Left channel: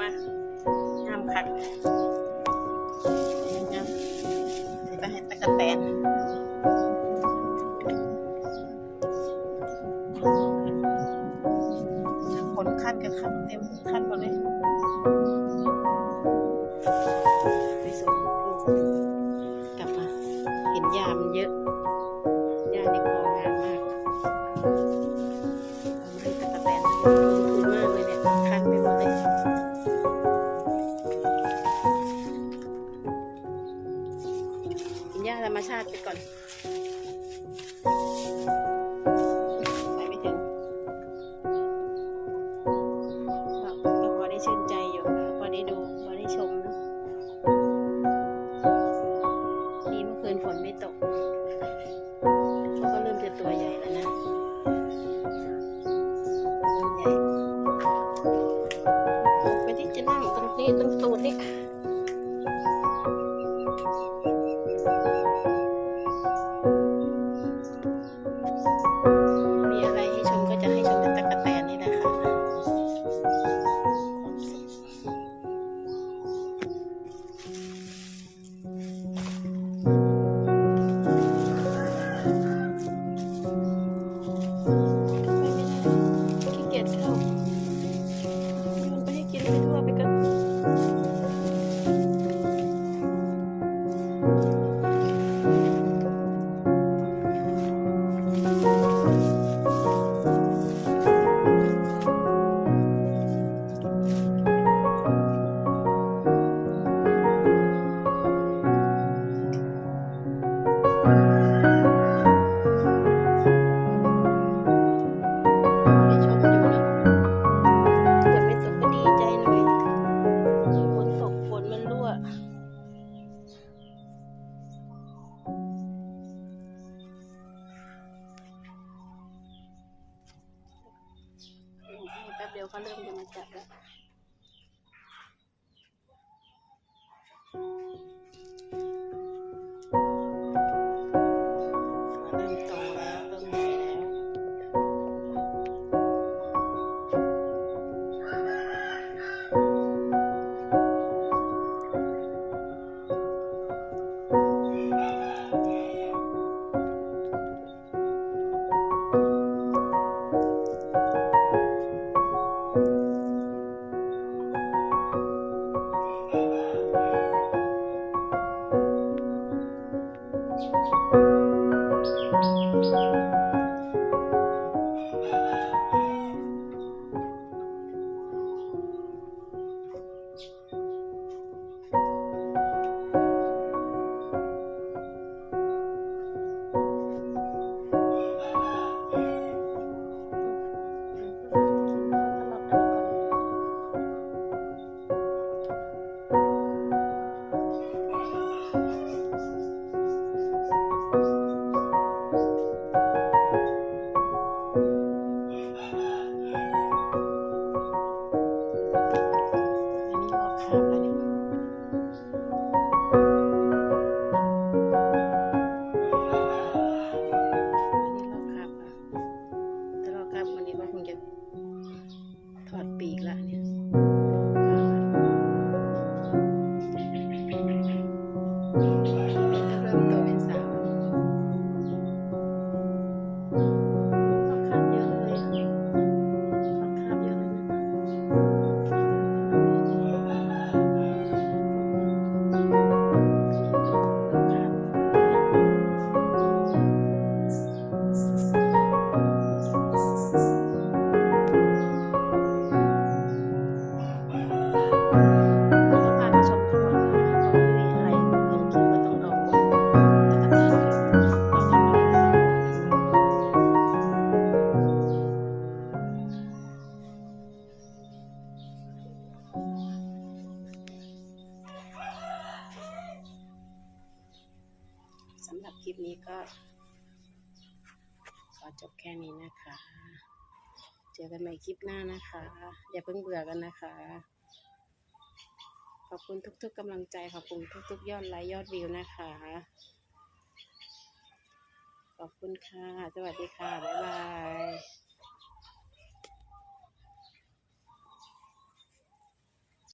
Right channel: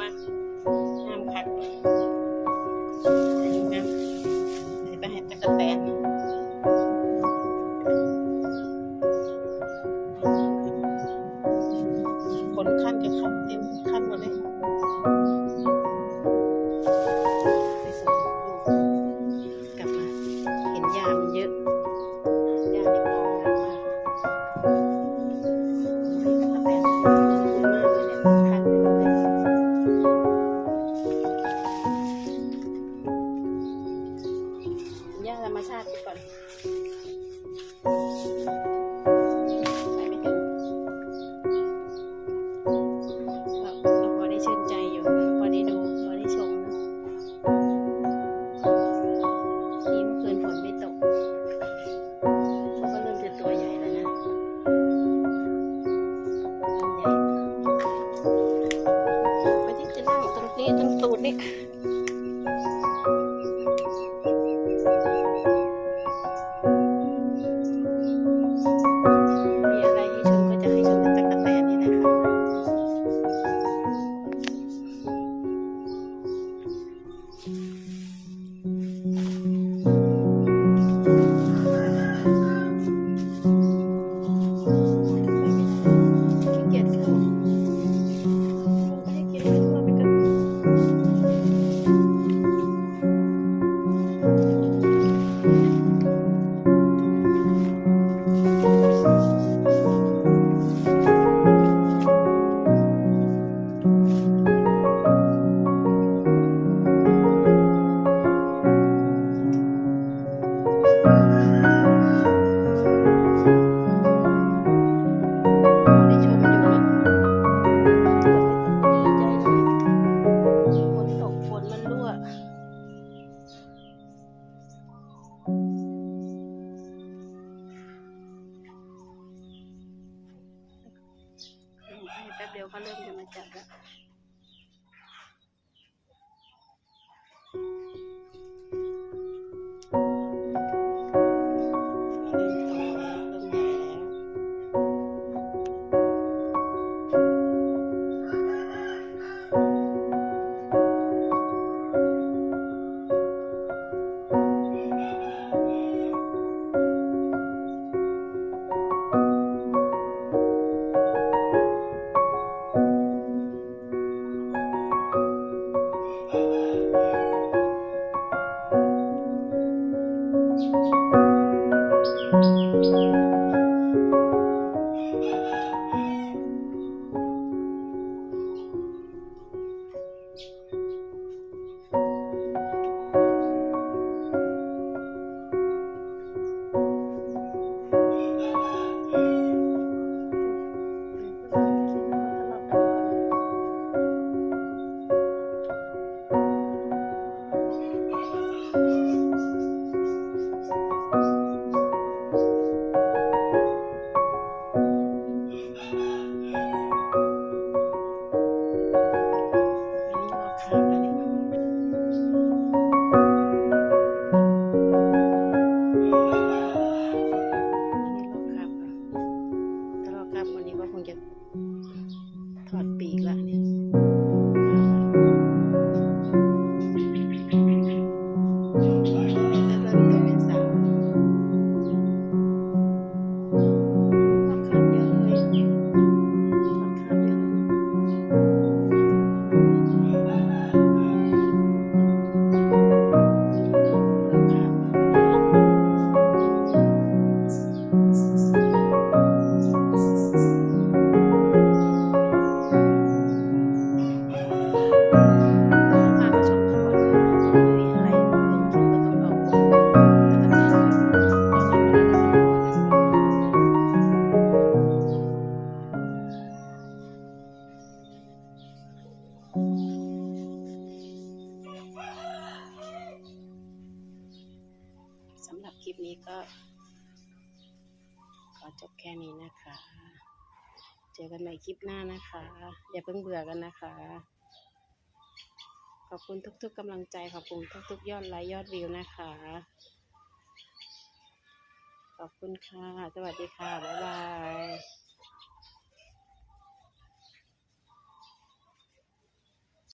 มาห้ามคักยังไงเดี๋ยวไปให้ตะกะแตนขนขั้นกับขั้นเต็มขั้นหมดเลยไปส่งลูกกลับมา เห็นยามันเยอะ ยาในคอ รรมชาติไปก่อนไปไม่ถึงก็ก็พอได้ชื่นใจอยู่พอได้ดูพอได้ชมนะนี่เมื่อคืนฝนไม่ตกเขาก็เริ่มจะตัวใหญ่แล้วนะเริ่มใหญ่ไปที่จะนั่งตรงนี้ตรงตูดนี่ เดียวเขาเริ่มจะมาจัดแล้ว 啊。ลิปนี้ก็ ขอจบแค่นี้นะคะ เจอกันใหม่คลิปหน้านะคะ อย่าเพิ่งเบื่อกันนะคะ ขอบคุณทุกๆกำลังใจ ขอบคุณทุกๆ ยอดไลค์ยอดวิวนะคะ ขอบคุณค่ะ สวัสดีค่ะ บ๊ายบาย